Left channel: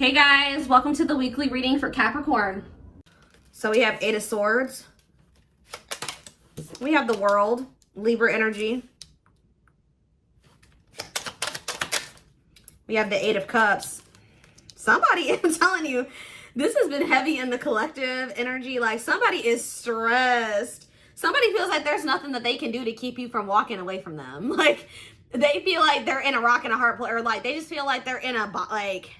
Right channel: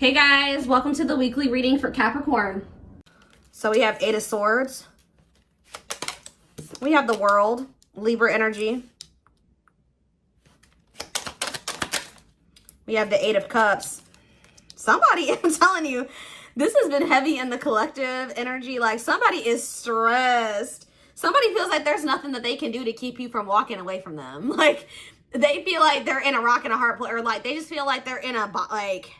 Hey guys, welcome to the weekly reading for Capricorn. So we have Eight of Swords. We have the World, Libra energy. We have the Eight of Cups. Somebody, I'm telling you, this has been heavy in the collective energy. Like somebody is stressed. Somebody feels like there's nothing that they can do to keep you from walking away from them. Like they feel like they're in a rock and a hard place, or like they just feel like they're in a, like,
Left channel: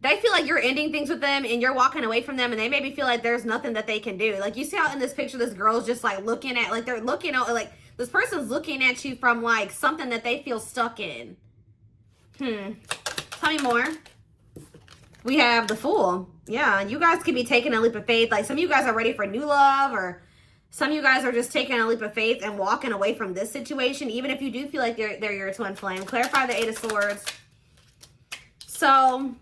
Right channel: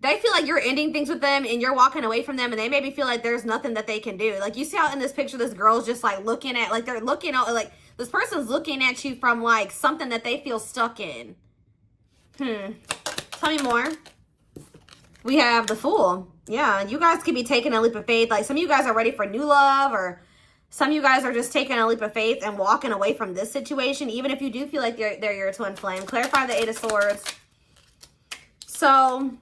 they feel like you're ending things with them and you're walking away from them, and they maybe feel like there's nothing that they can do. Like you see how in this picture, this girl's just like looking at, like they're looking at, like this person's looking at you from like something that they feel stuck in. Tell me more. We have the Fool. Yeah, you guys could be taking a leap of faith. Like some of you guys are ready for new love, or some of you guys are just taking a leap of faith and walking away from this situation, even if you do feel like they're your twin flame. Clarify the Eight of Swords. So,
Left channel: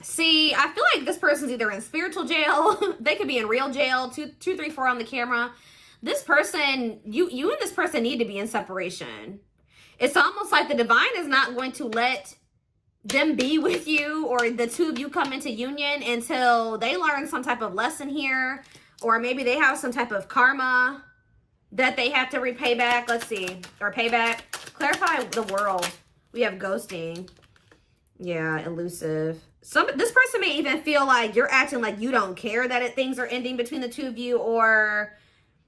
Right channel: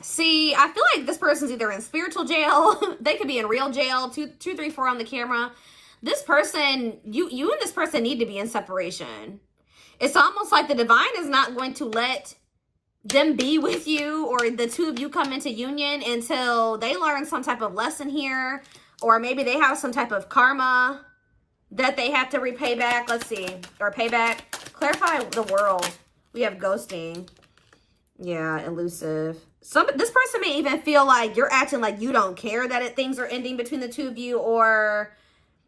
see, I feel like this person's either in spiritual jail. They could be in real jail. 2, 3, 4 on the camera. This person, you and this person need to be in separation. It's almost like the divine is not going to let them be with you, or the two of you come into union, until they learn some type of lesson here, or maybe they have some type of karma that they have to repay back. Let's see, or pay back. Clarify the World. We have ghosting. Yeah, elusive. This person may even feel like you're acting like you don't care that things are ending between the two of you, or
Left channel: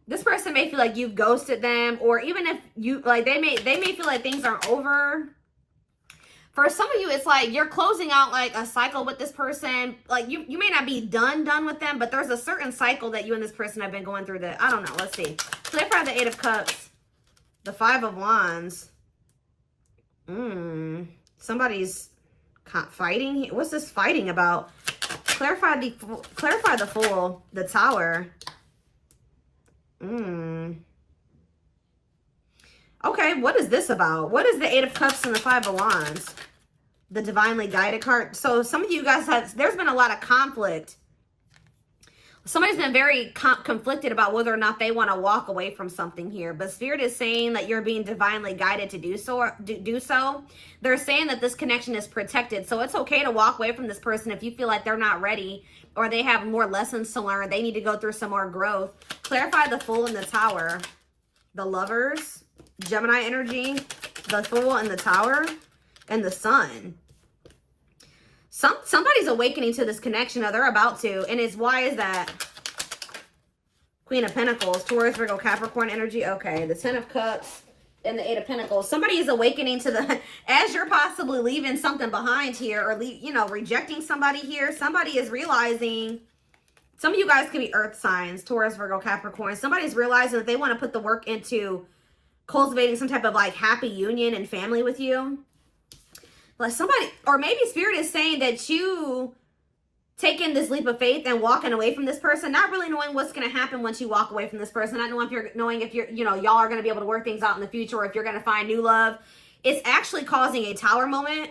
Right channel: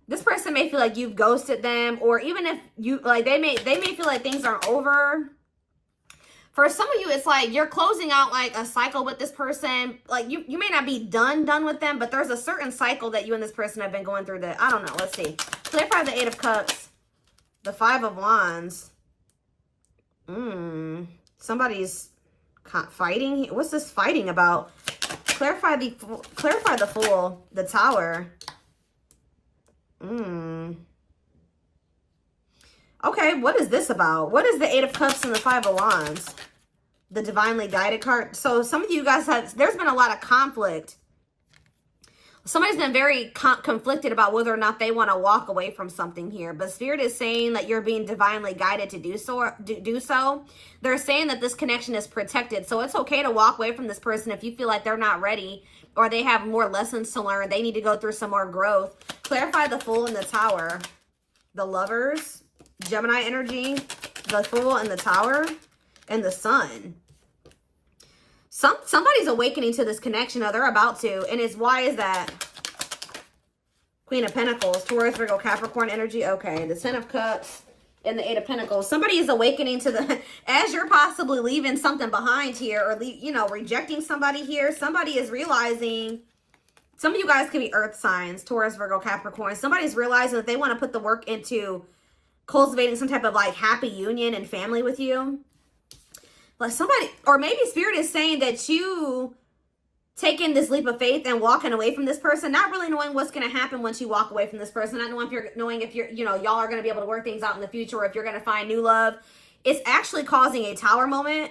this person may feel like you've ghosted them, or even if you, like, they may feel like things are over. For some of you, it's like you're closing out like a cycle with this person. Like you may not be done with them, but there's a certain cycle that you and this person have been going through that, I don't know. Let's see. Clarify the Eight of Cups. The Five of Wands. Somebody's fighting. What's this fighting about? Clarify the Fool. The Tower. Okay, what is this about? What is the Eight of Cups and the Five of Wands? The Divinely Guided card. So some of you guys there's been a lot of conflict. Somebody's been very conflicted about whether or not they want to walk away from something here. But Spirit is saying that you're being divinely guided to do so. They're saying that this connection is protected. So it's okay to walk away from this person if you feel like they're not ready, or they have more lessons to learn. They need to go through some more growth. Clarify the Fool and the Tower. The Lovers. Gemini energy, the Fool and the Tower, and the Sun. Somebody's awakening to this connection, or they're about to. And why is that? Queen of Pentacles, Taurus, Virgo, Capricorn energy. Okay, the Ten of Cups and the Eight of Pentacles. Somebody is awakening to the, as you're possibly leaving something behind here, or rejecting somebody here. Somebody is realizing, some of you guys could be earth signs, Taurus, Virgo, Capricorn. Somebody's realizing that they want to put the work into cultivating some type of like happy union and family with you. Like somebody, or maybe Spirit is saying that you taking this leap of faith and walking away from this person, not really knowing what's going to happen once you walk away from this person, not knowing if you're y'all are going to be able to work things out in the future, or if you're going to find new love. It's actually causing a Tower moment,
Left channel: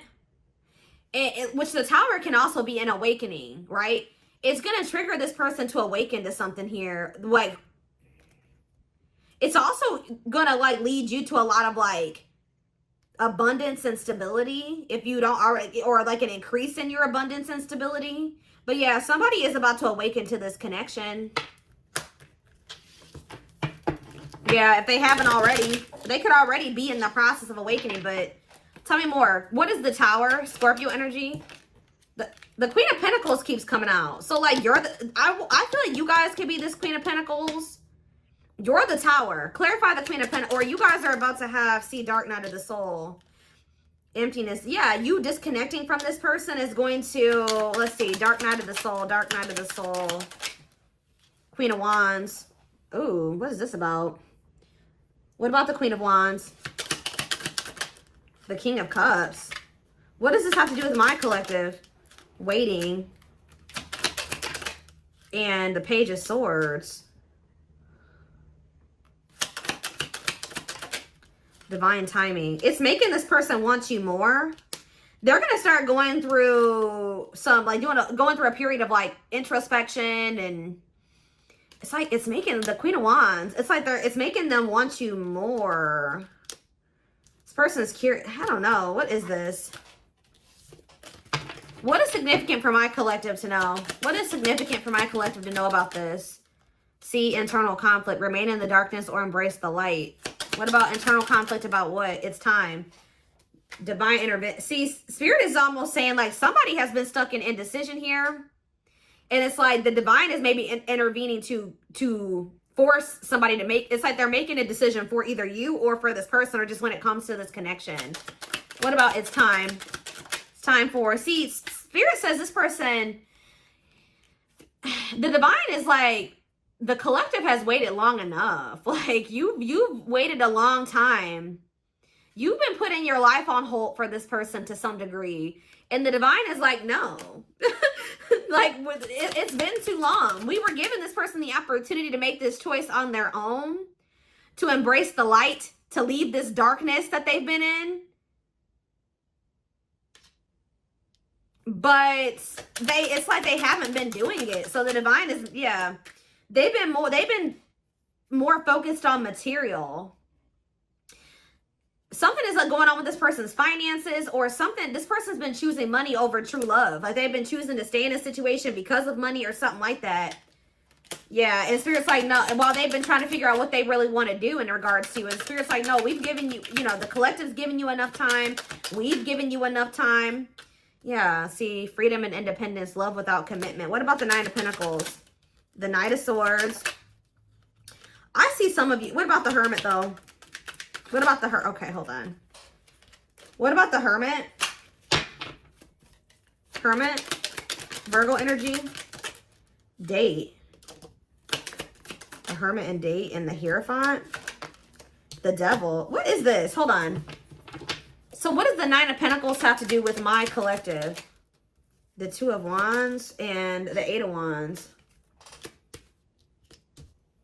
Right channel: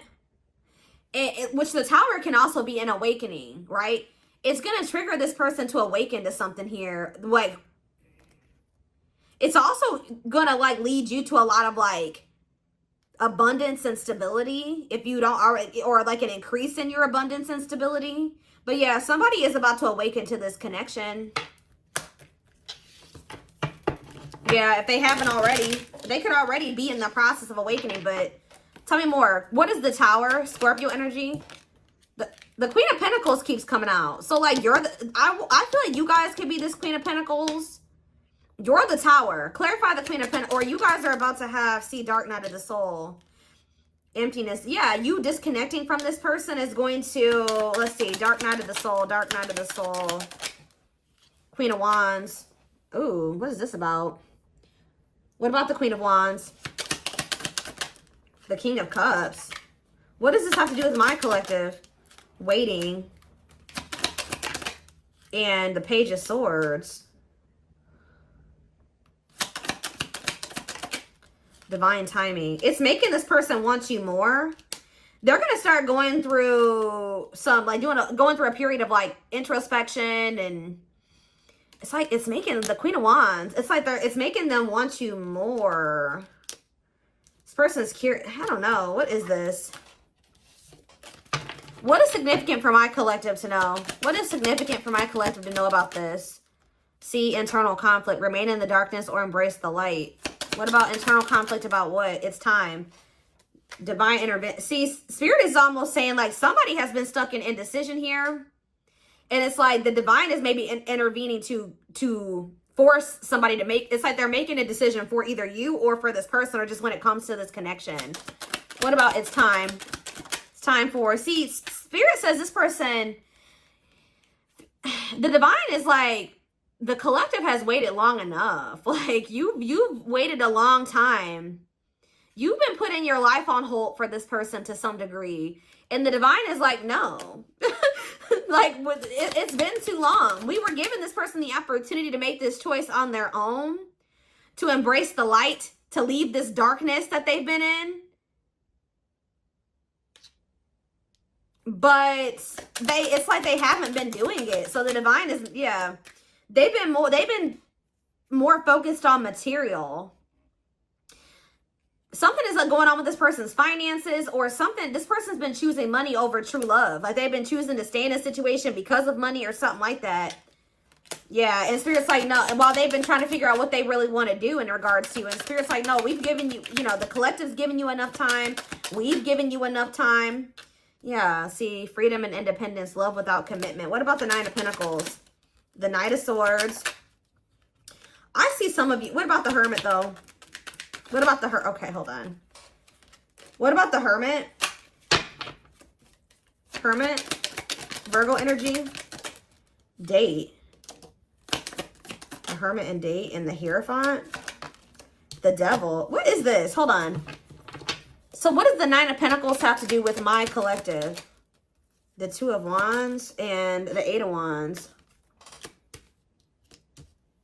which the Tower can also be an awakening, right? It's going to trigger this person to awaken to something here. Like, it's also gonna like lead you to a lot of like abundance and stability if you don't already, or like an increase in your abundance and stability. But yeah, somebody is about to awaken to this connection. Yeah, if they haven't already, they could already be in the process of awakening. But tell me more. What is the Tower? Scorpio energy. The Queen of Pentacles keeps coming out. So like I feel like you guys could be this Queen of Pentacles. You're the Tower. Clarify the Queen of Pentacles. Or you guys are about to see Dark Night of the Soul. Emptiness. Yeah, you disconnecting from this person is going to, let's see, Dark Night of the Soul. Dark Night of the Soul. Queen of Wands. Ooh, what is this about? What about the Queen of Wands? The King of Cups. What does this have to do with my collective? Waiting. And the Page of Swords. Divine timing. It's making this person want you more. They're going to start going through some, like going through a period of like introspection, and it's like, it's making the Queen of Wands, it's like it's making them want you more. This person's curious. I don't know. What is this? What is significant for my collective to know? What is significant for my collective to know about this? See, internal conflict. Remain in the darkness or embrace the light. What about internal conflict about what? It's time. Divine intervention. See, Spirit is almost saying like somebody has been stuck in indecision here. And it's like the divine is maybe intervening to force somebody to make, it's like they're making a decision for either you or for this person, or just when it comes to this connection. What about it's time? It's time for, see, Spirit says this person, the divine is like, the collective has waited long enough. Like you've waited a long time. You've been putting your life on hold for this person to some degree. And the divine is like, no. Like, it's been too long. We were giving this person the opportunity to make this choice on their own, to embrace the light, to leave this darkness that they've been in. But it's like they haven't been doing it. So the divine is, yeah, they've been more focused on material. Something is like going on with this person's finances, or something. This person's been choosing money over true love. Like they've been choosing to stay in a situation because of money or something like that. Yeah, and Spirit's like, no, while they've been trying to figure out what they really want to do in regards to you. And Spirit's like, no, we've given you, you know, the collective's given you enough time. We've given you enough time. Yeah, see, freedom and independence, love without commitment. What about the Nine of Pentacles? The Knight of Swords. I see some of you. What about the Hermit, though? What about the Hermit? Okay, hold on. What about the Hermit? Hermit. Virgo energy. Date. The Hermit and Date and the Hierophant. The Devil. What is this? Hold on. So what does the Nine of Pentacles have to do with my collective? The Two of Wands and the Eight of Wands.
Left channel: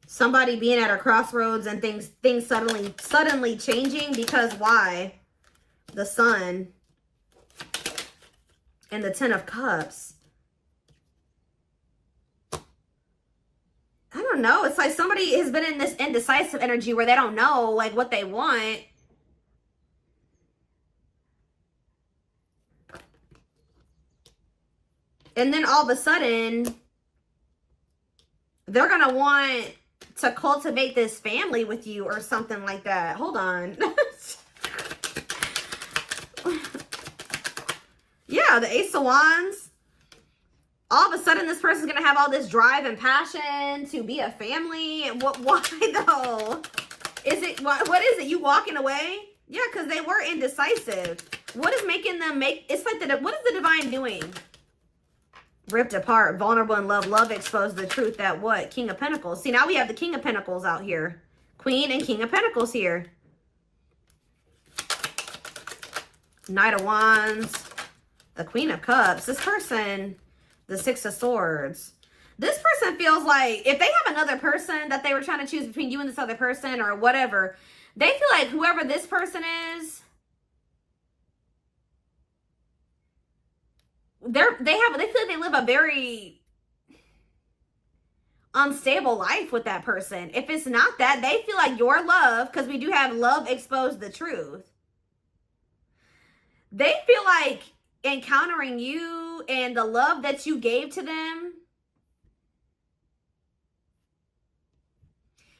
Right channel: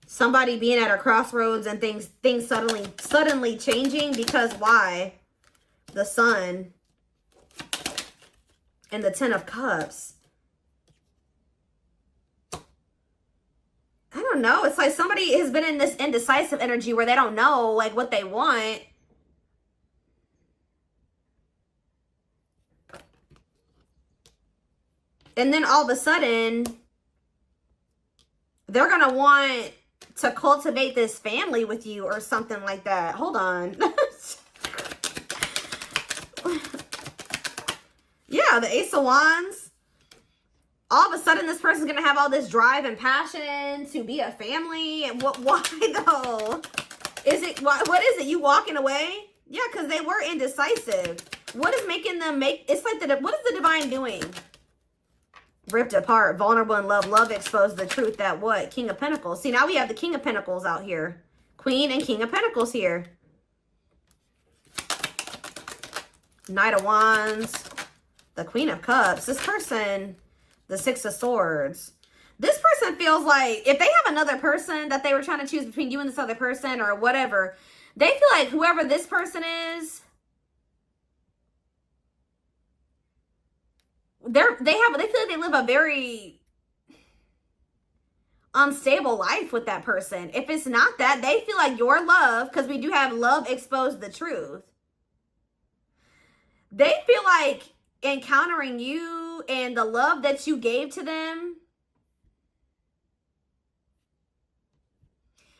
Somebody being at a crossroads and things suddenly changing, because why? The Sun and the Ten of Cups. I don't know. It's like somebody has been in this indecisive energy where they don't know like what they want. And then all of a sudden, they're going to want to cultivate this family with you or something like that. Hold on. Yeah, the Ace of Wands. All of a sudden, this person's going to have all this drive and passion to be a family. And why though? Is it, what is it? You walking away? Yeah, because they were indecisive. What is making them make, it's like, what is the divine doing? Ripped apart, vulnerable in love. Love exposed the truth that what? King of Pentacles. See, now we have the King of Pentacles out here. Queen and King of Pentacles here. Knight of Wands. The Queen of Cups. This person, the Six of Swords. This person feels like if they have another person that they were trying to choose between you and this other person or whatever, they feel like whoever this person is, they feel like they live a very unstable life with that person. If it's not that, they feel like your love, because we do have love exposed the truth. They feel like encountering you and the love that you gave to them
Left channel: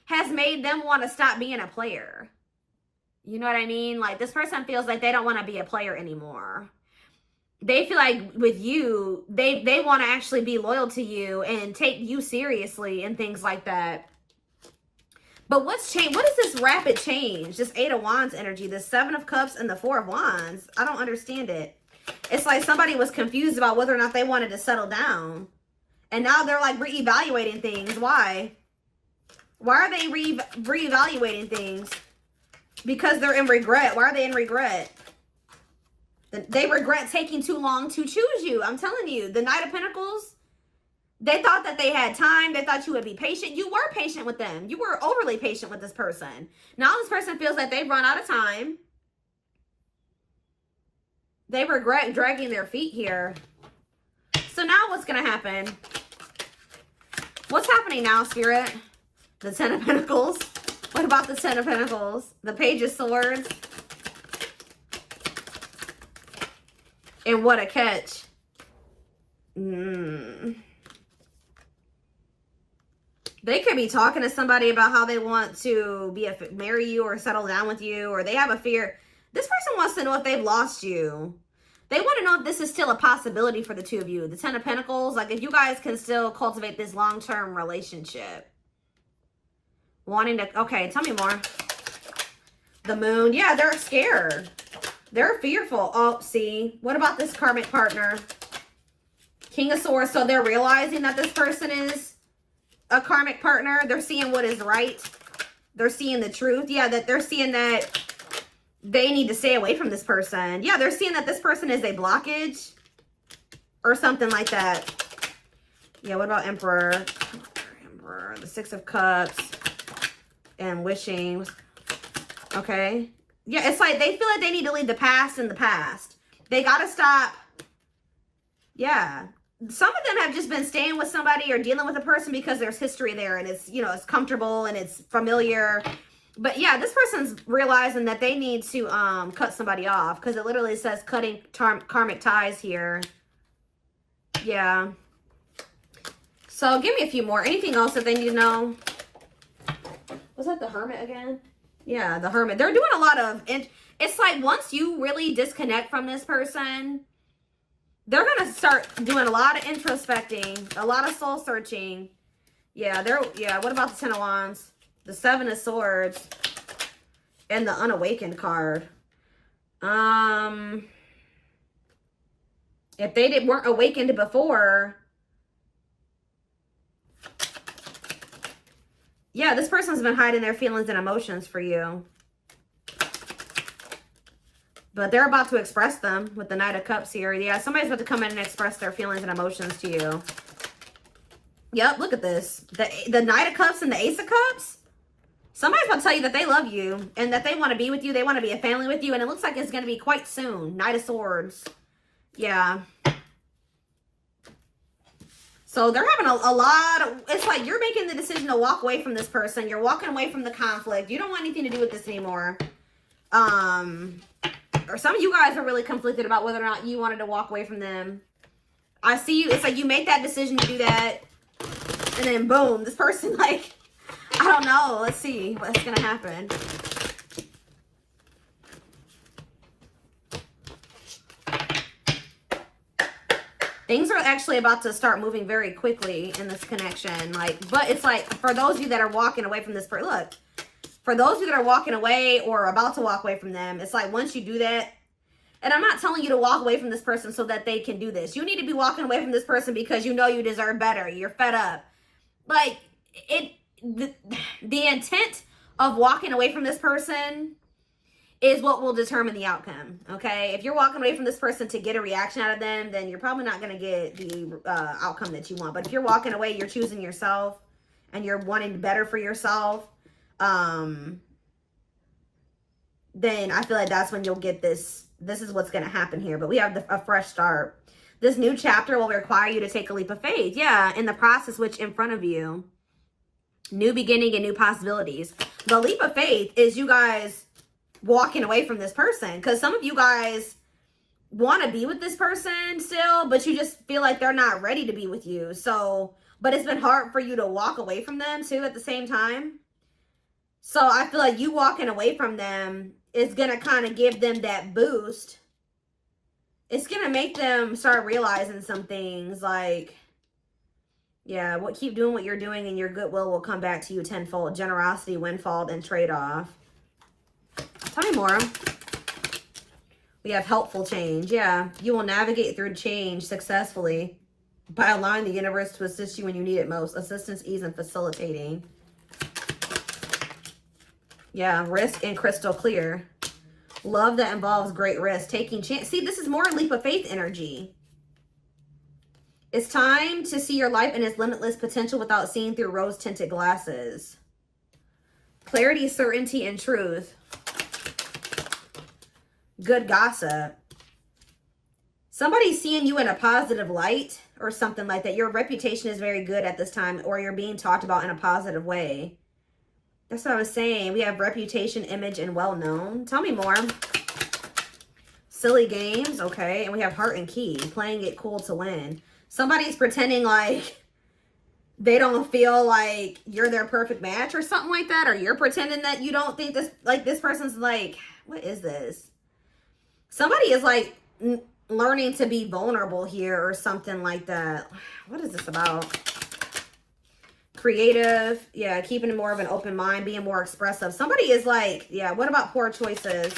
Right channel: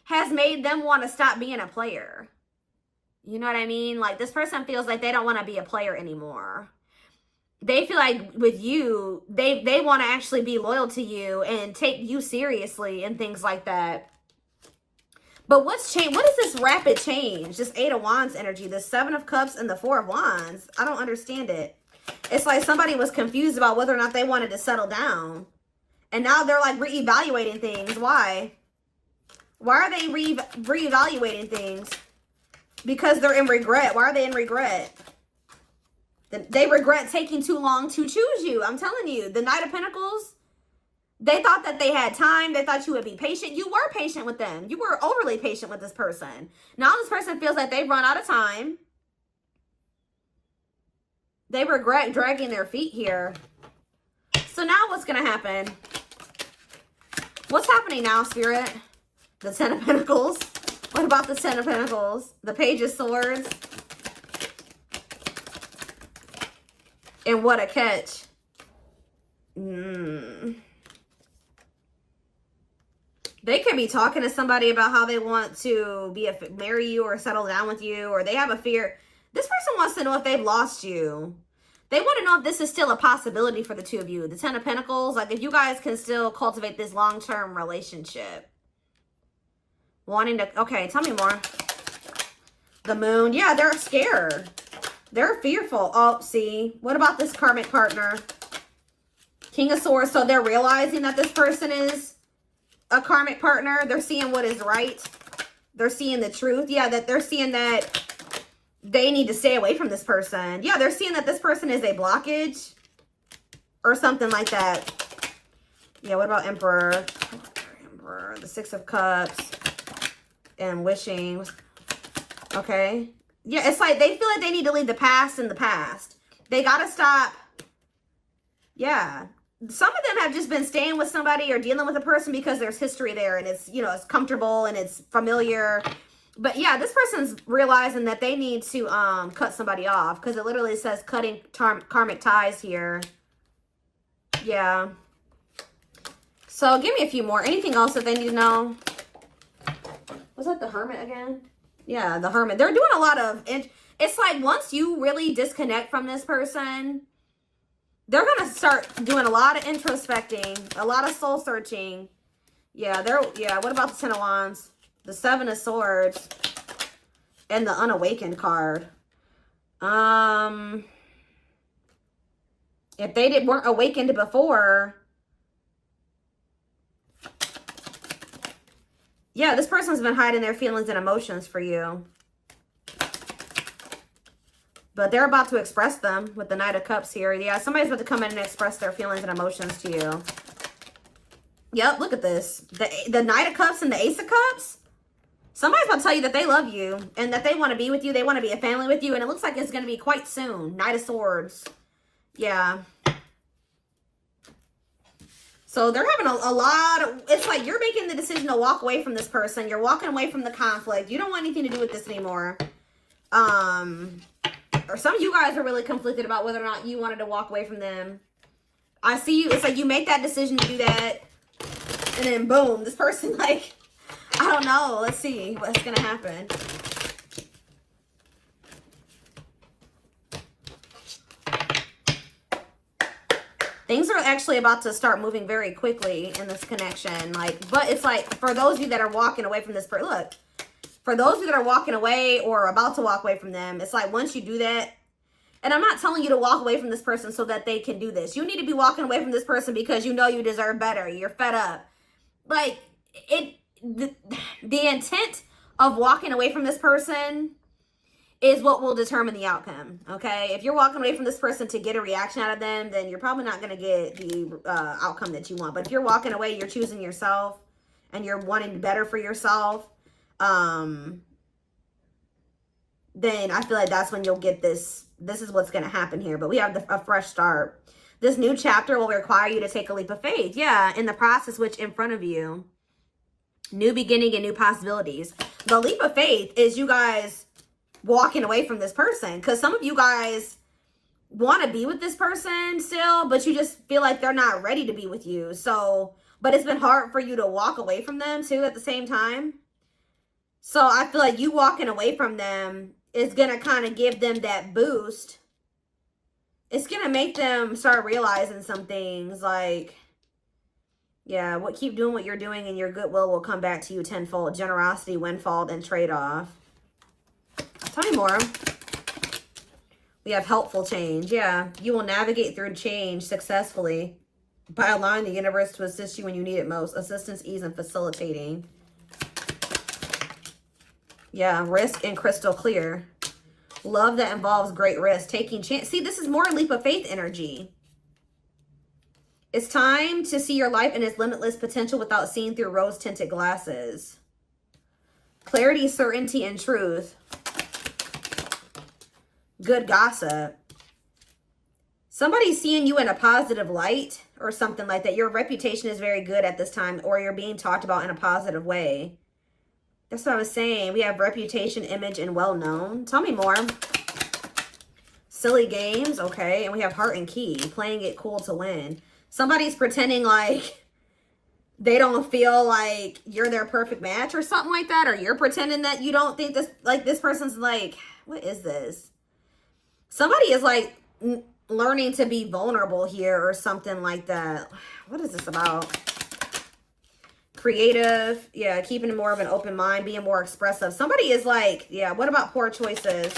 has made them want to stop being a player. You know what I mean? Like this person feels like they don't want to be a player anymore. They feel like with you, they want to actually be loyal to you and take you seriously and things like that. But what's changed? What is this rapid change? This Eight of Wands energy, the Seven of Cups and the Four of Wands. I don't understand it. It's like somebody was confused about whether or not they wanted to settle down. And now they're like reevaluating things. Why? Why are they reevaluating things? Because they're in regret. Why are they in regret? They regret taking too long to choose you. I'm telling you, the Knight of Pentacles, they thought that they had time. They thought you would be patient. You were patient with them. You were overly patient with this person. Now this person feels like they've run out of time. They regret dragging their feet here. So now what's going to happen? What's happening now, Spirit? The Ten of Pentacles. What about the Ten of Pentacles? The Page of Swords. And what a catch. They could be talking to somebody about how they want to marry you or settle down with you, or they have a fear. This person wants to know if they've lost you. They want to know if this is still a possibility for the two of you. The Ten of Pentacles, like if you guys can still cultivate this long-term relationship. Wanting to, okay, tell me more. The Moon, yeah, they're scared. They're fearful. Oh, see, what about this karmic partner? King of Swords, so they're realizing that this person is a karmic partner. They're seeing what is right. They're seeing the truth. Yeah, that they're seeing that they need to stay away from this person. Yeah, they're seeing that this person is a blockage or something like that. Yeah, what about Emperor? Emperor, the Six of Cups and wishing. Okay. Yeah, it's like they feel like they need to leave the past in the past. They got to stop. Yeah. Some of them have just been staying with somebody or dealing with a person because there's history there and it's, you know, it's comfortable and it's familiar. But yeah, this person's realizing that they need to cut somebody off because it literally says cutting karmic ties here. Yeah. So give me a few more. Anything else that they need to know? Was that the Hermit again? Yeah, the Hermit. They're doing a lot of, it's like once you really disconnect from this person, they're going to start doing a lot of introspecting, a lot of soul searching. Yeah, what about the Ten of Wands? The Seven of Swords and the Unawakened card. If they weren't awakened before, yeah, this person's been hiding their feelings and emotions for you. But they're about to express them with the Knight of Cups here. Yeah, somebody's about to come in and express their feelings and emotions to you. Yep, look at this. The Knight of Cups and the Ace of Cups. Somebody's about to tell you that they love you and that they want to be with you. They want to be a family with you. And it looks like it's going to be quite soon. Knight of Swords. Yeah. So they're having a lot of, it's like you're making the decision to walk away from this person. You're walking away from the conflict. You don't want anything to do with this anymore. Or some of you guys are really conflicted about whether or not you wanted to walk away from them. I see you, it's like you make that decision to do that. And then boom, this person like, I don't know. Let's see what's going to happen. Things are actually about to start moving very quickly in this connection. But it's like, for those of you that are walking away from this person, look, for those of you that are walking away or about to walk away from them, it's like once you do that, and I'm not telling you to walk away from this person so that they can do this. You need to be walking away from this person because you know you deserve better. You're fed up. Like, the intent of walking away from this person is what will determine the outcome, okay? If you're walking away from this person to get a reaction out of them, then you're probably not going to get the outcome that you want. But if you're walking away, you're choosing yourself, and you're wanting better for yourself, then I feel like that's when you'll get this. This is what's going to happen here. But we have a fresh start. This new chapter will require you to take a leap of faith. Yeah, in the process which in front of you. New beginning and new possibilities. The leap of faith is you guys walking away from this person. Because some of you guys want to be with this person still, but you just feel like they're not ready to be with you. So, but it's been hard for you to walk away from them too at the same time. So I feel like you walking away from them is going to kind of give them that boost. It's going to make them start realizing some things like, yeah, keep doing what you're doing and your goodwill will come back to you tenfold. Generosity, windfall, and trade-off. Tell me more. We have helpful change. Yeah, you will navigate through change successfully by allowing the universe to assist you when you need it most. Assistance, ease, and facilitating. Yeah, risk and crystal clear. Love that involves great risk. Taking chance. See, this is more leap of faith energy. It's time to see your life in its limitless potential without seeing through rose-tinted glasses. Clarity, certainty, and truth. Good gossip. Somebody's seeing you in a positive light or something like that. Your reputation is very good at this time, or you're being talked about in a positive way. That's what I was saying. We have reputation, image, and well-known. Tell me more. Silly games, okay. And we have heart and key. Playing it cool to win. Somebody's pretending like they don't feel like you're their perfect match or something like that. Or you're pretending that you don't think this, like, this person's like, what is this? Somebody is like learning to be vulnerable here or something like that. What is this about? Creative. Yeah, keeping more of an open mind, being more expressive. Somebody is like, yeah, what about poor choices?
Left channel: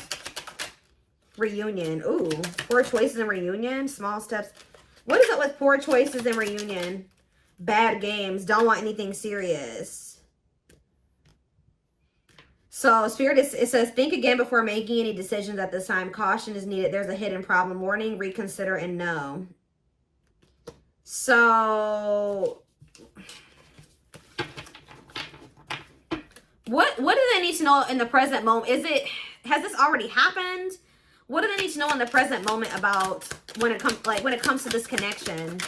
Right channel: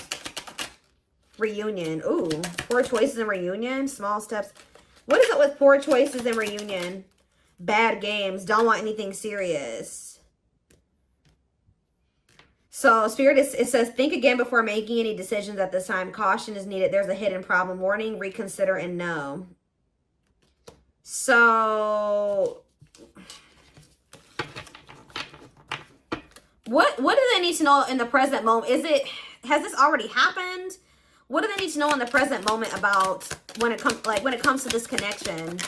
Reunion. Ooh, poor choices and reunion. Small steps. What is it with poor choices and reunion? Bad games. Don't want anything serious. So, Spirit, it says, think again before making any decisions at this time. Caution is needed. There's a hidden problem. Warning, reconsider, and no. So, what do they need to know in the present moment? Has this already happened? What do they need to know in the present moment about when it comes to this connection?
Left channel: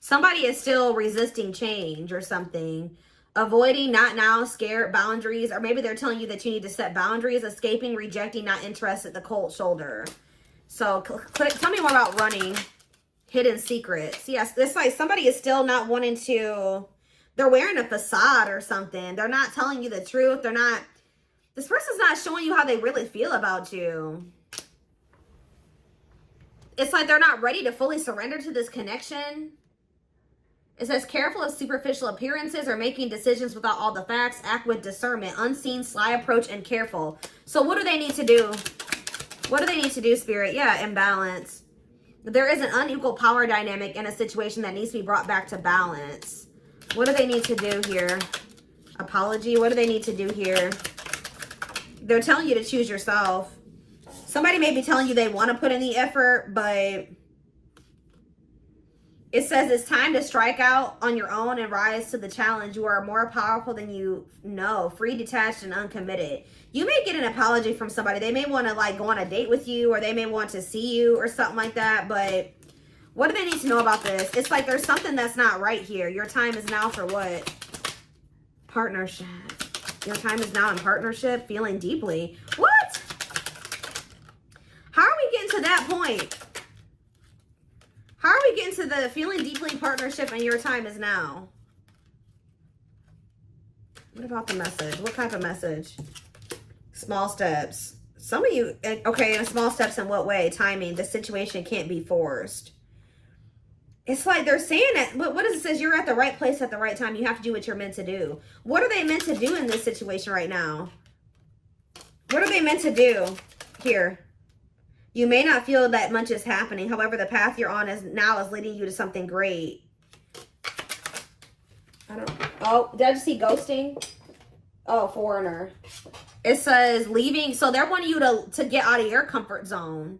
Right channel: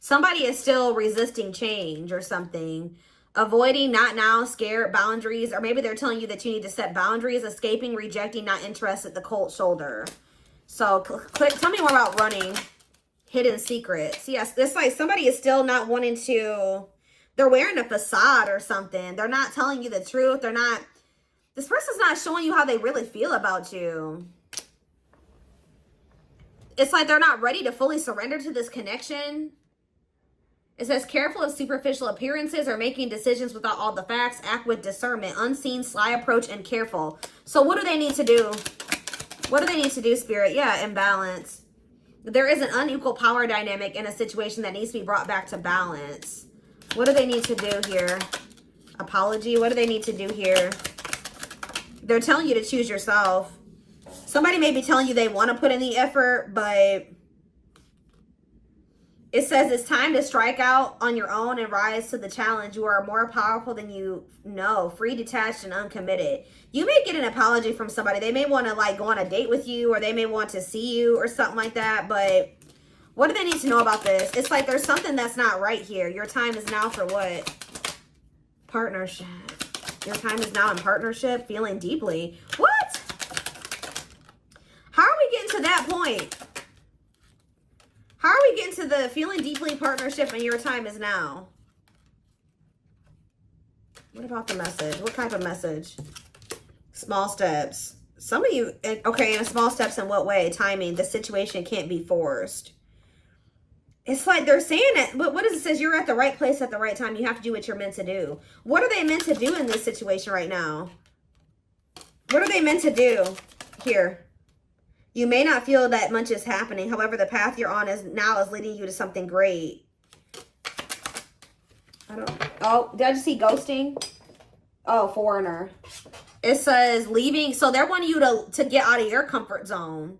Somebody is still resisting change or something. Avoiding, not now, scared, boundaries. Or maybe they're telling you that you need to set boundaries. Escaping, rejecting, not interested, the cold shoulder. So tell me more about running. Hidden secrets. Yes, this like somebody is still not wanting to. They're wearing a facade or something. They're not telling you the truth. This person's not showing you how they really feel about you. It's like they're not ready to fully surrender to this connection. It says, careful of superficial appearances or making decisions without all the facts. Act with discernment, unseen, sly approach, and careful. So what do they need to do? What do they need to do, Spirit? Yeah, imbalance. There is an unequal power dynamic in a situation that needs to be brought back to balance. What do they need to do here? Apology. What do they need to do here? They're telling you to choose yourself. Somebody may be telling you they want to put in the effort, but it says it's time to strike out on your own and rise to the challenge. You are more powerful than you know, free, detached, and uncommitted. You may get an apology from somebody. They may want to like go on a date with you, or they may want to see you or something like that. But what do they need to know about this? It's like there's something that's not right here. Your time is now for what? Partnership. Your time is now in partnership, feeling deeply. What? How are we getting to that point? How are we getting to the feeling deeply partnership and your time is now? What about the message? What type of message? Small steps. Some of you, okay, and small steps in what way? Timing. The situation can't be forced. It's like they're saying it, but what does it say? You're at the right place at the right time. You have to do what you're meant to do. What are they meant to do in this situation right now? What are they meant to do here? You may not feel that much is happening. However, the path you're on is leading you to something great. Oh, did I just see ghosting? Oh, foreigner. It says leaving. So they're wanting you to get out of your comfort zone.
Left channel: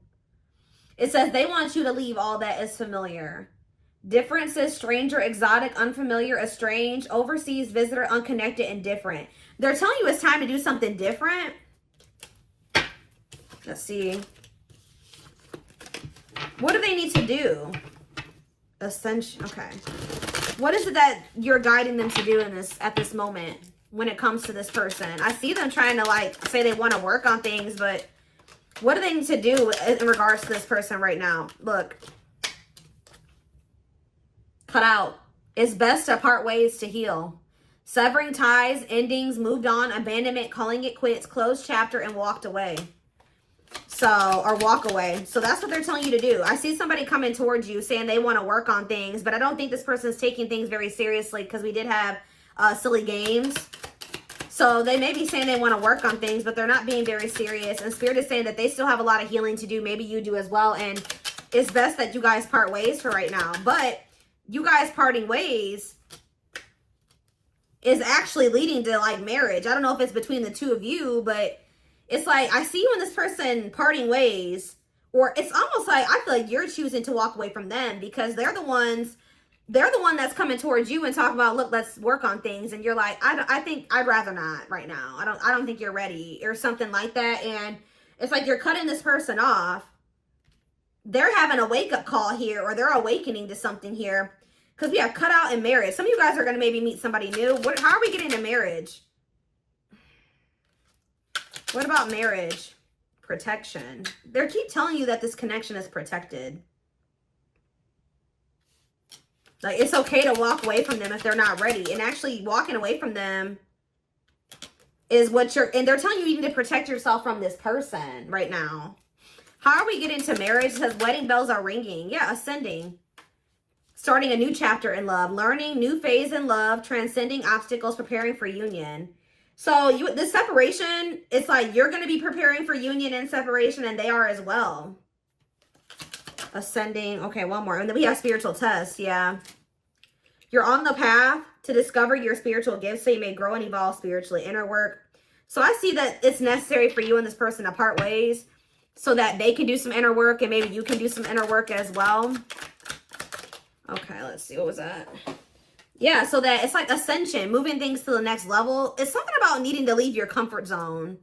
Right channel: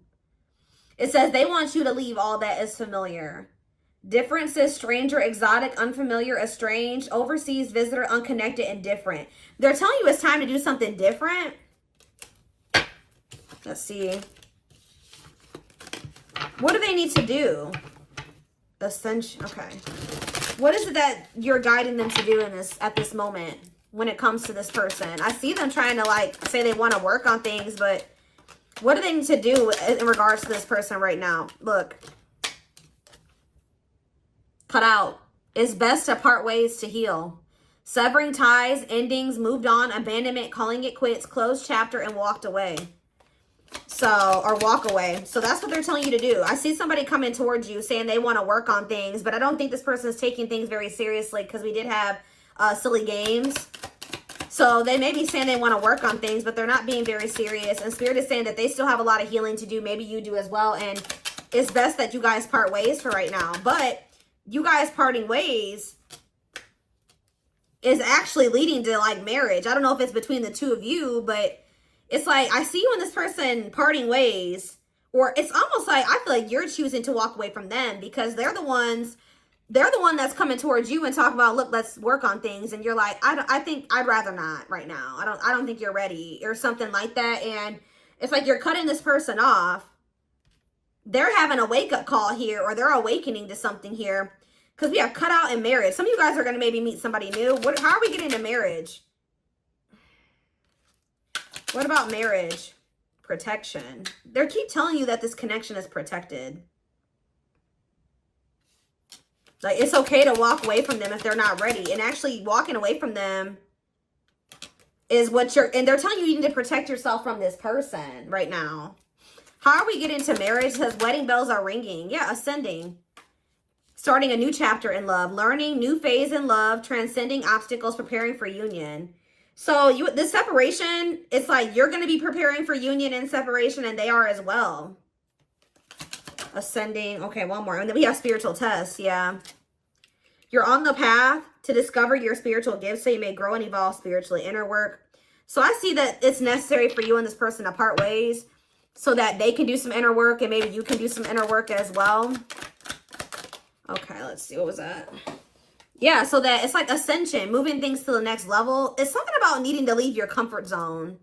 It says they want you to leave all that is familiar. Differences, stranger, exotic, unfamiliar, estranged, overseas, visitor, unconnected, and different. They're telling you it's time to do something different. Let's see. What do they need to do? Ascension. Okay. What is it that you're guiding them to do in this at this moment when it comes to this person? I see them trying to like say they want to work on things, but what do they need to do in regards to this person right now? Look. Cut out. It's best to part ways to heal. Severing ties, endings, moved on, abandonment, calling it quits, closed chapter, and walked away. So, or walk away. So that's what they're telling you to do. I see somebody coming towards you saying they want to work on things, but I don't think this person is taking things very seriously because we did have silly games. So they may be saying they want to work on things, but they're not being very serious. And Spirit is saying that they still have a lot of healing to do. Maybe you do as well. And it's best that you guys part ways for right now. But you guys parting ways is actually leading to like marriage. I don't know if it's between the two of you, but it's like I see you and this person parting ways, or it's almost like I feel like you're choosing to walk away from them because they're the one that's coming towards you and talk about, look, let's work on things, and you're like, I think I'd rather not right now. I don't think you're ready or something like that. And it's like you're cutting this person off. They're having a wake-up call here, or they're awakening to something here, because we are cut out in marriage. Some of you guys are going to maybe meet somebody new. How are we getting to marriage? What about marriage? Protection. They keep telling you that this connection is protected. Like, it's okay to walk away from them if they're not ready. And actually walking away from them is what and they're telling you you need to protect yourself from this person right now. How are we getting to marriage? Because wedding bells are ringing. Yeah, ascending. Starting a new chapter in love. Learning, new phase in love. Transcending obstacles, preparing for union. So the separation, it's like you're going to be preparing for union and separation, and they are as well. Ascending. Okay, one more. And then we have spiritual tests. Yeah. You're on the path to discover your spiritual gifts so you may grow and evolve spiritually. Inner work. So I see that it's necessary for you and this person to part ways so that they can do some inner work and maybe you can do some inner work as well. Okay, let's see. What was that? Yeah, so that it's like ascension, moving things to the next level. It's something about needing to leave your comfort zone.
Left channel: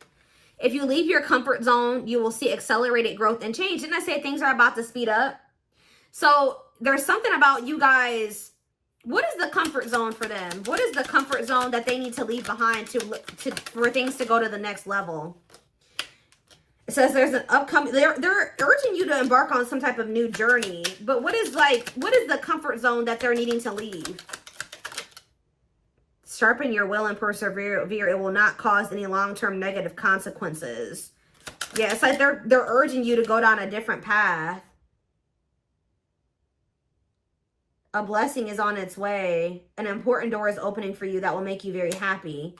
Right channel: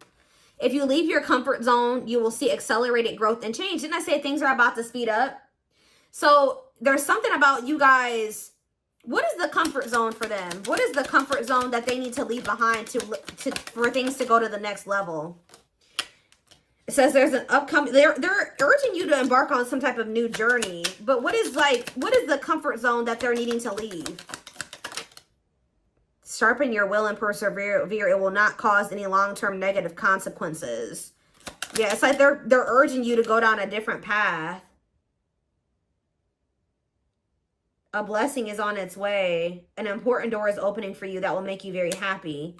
If you leave your comfort zone, you will see accelerated growth and change. Didn't I say things are about to speed up? So there's something about you guys. What is the comfort zone for them? What is the comfort zone that they need to leave behind for things to go to the next level? It says there's an upcoming, they're urging you to embark on some type of new journey. But what is the comfort zone that they're needing to leave? Sharpen your will and persevere. It will not cause any long-term negative consequences. Yeah, it's like they're urging you to go down a different path. A blessing is on its way. An important door is opening for you that will make you very happy.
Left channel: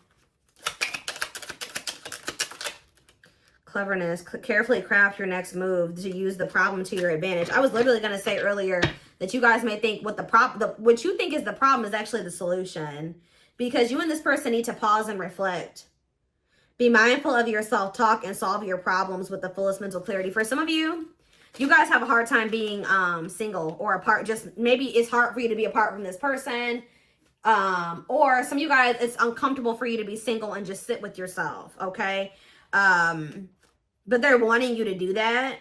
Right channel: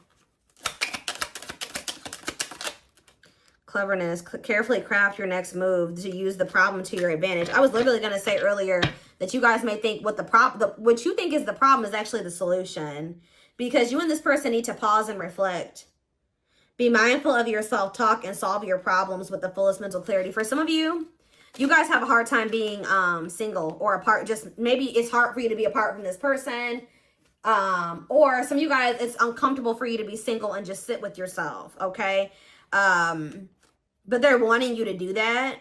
Cleverness. Carefully craft your next move to use the problem to your advantage. I was literally going to say earlier that you guys may think what you think is the problem is actually the solution. Because you and this person need to pause and reflect. Be mindful of your self-talk and solve your problems with the fullest mental clarity. For some of you, you guys have a hard time being single or apart. Just maybe it's hard for you to be apart from this person. Or some of you guys, it's uncomfortable for you to be single and just sit with yourself, okay? But they're wanting you to do that.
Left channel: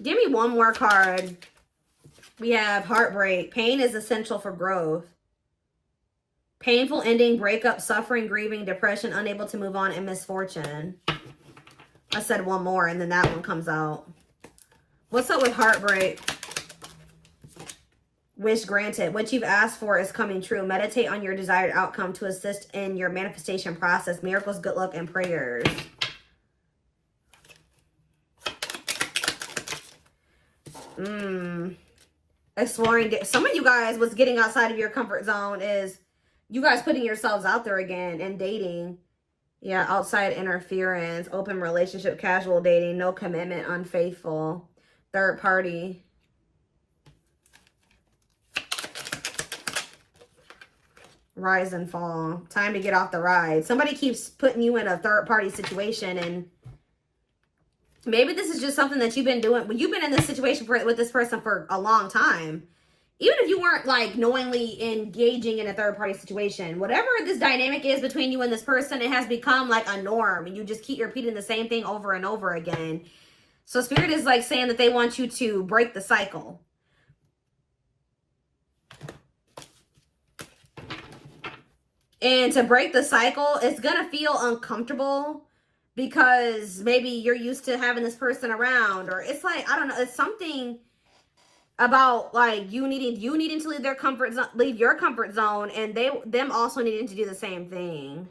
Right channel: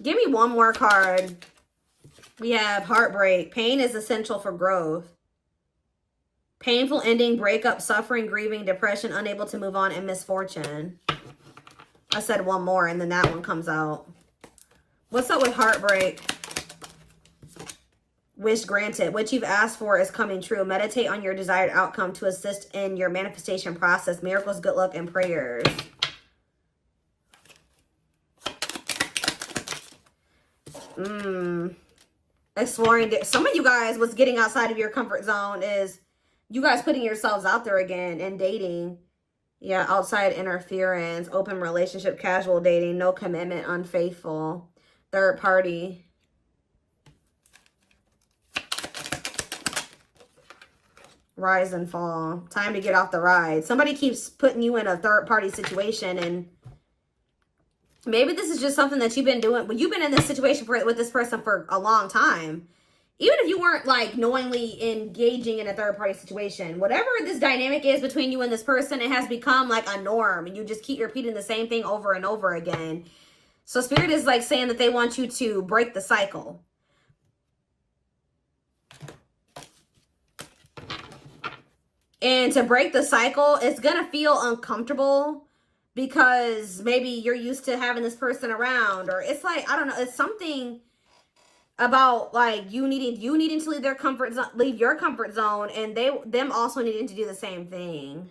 Give me one more card. We have heartbreak. Pain is essential for growth. Painful ending, breakup, suffering, grieving, depression, unable to move on, and misfortune. I said one more and then that one comes out. What's up with heartbreak? Wish granted. What you've asked for is coming true. Meditate on your desired outcome to assist in your manifestation process. Miracles, good luck, and prayers. Exploring. Some of you guys, what's getting outside of your comfort zone is you guys putting yourselves out there again and dating. Yeah, outside interference, open relationship, casual dating, no commitment, unfaithful, third party. Rise and fall. Time to get off the ride. Somebody keeps putting you in a third party situation, and maybe this is just something that you've been doing, but you've been in this situation with this person for a long time. Even if you weren't like knowingly engaging in a third party situation, whatever this dynamic is between you and this person, it has become like a norm and you just keep repeating the same thing over and over again. So Spirit is like saying that they want you to break the cycle. And to break the cycle, it's going to feel uncomfortable because maybe you're used to having this person around, or it's like, I don't know, it's something about like you needing to leave their comfort zone, leave your comfort zone, and them also needing to do the same thing.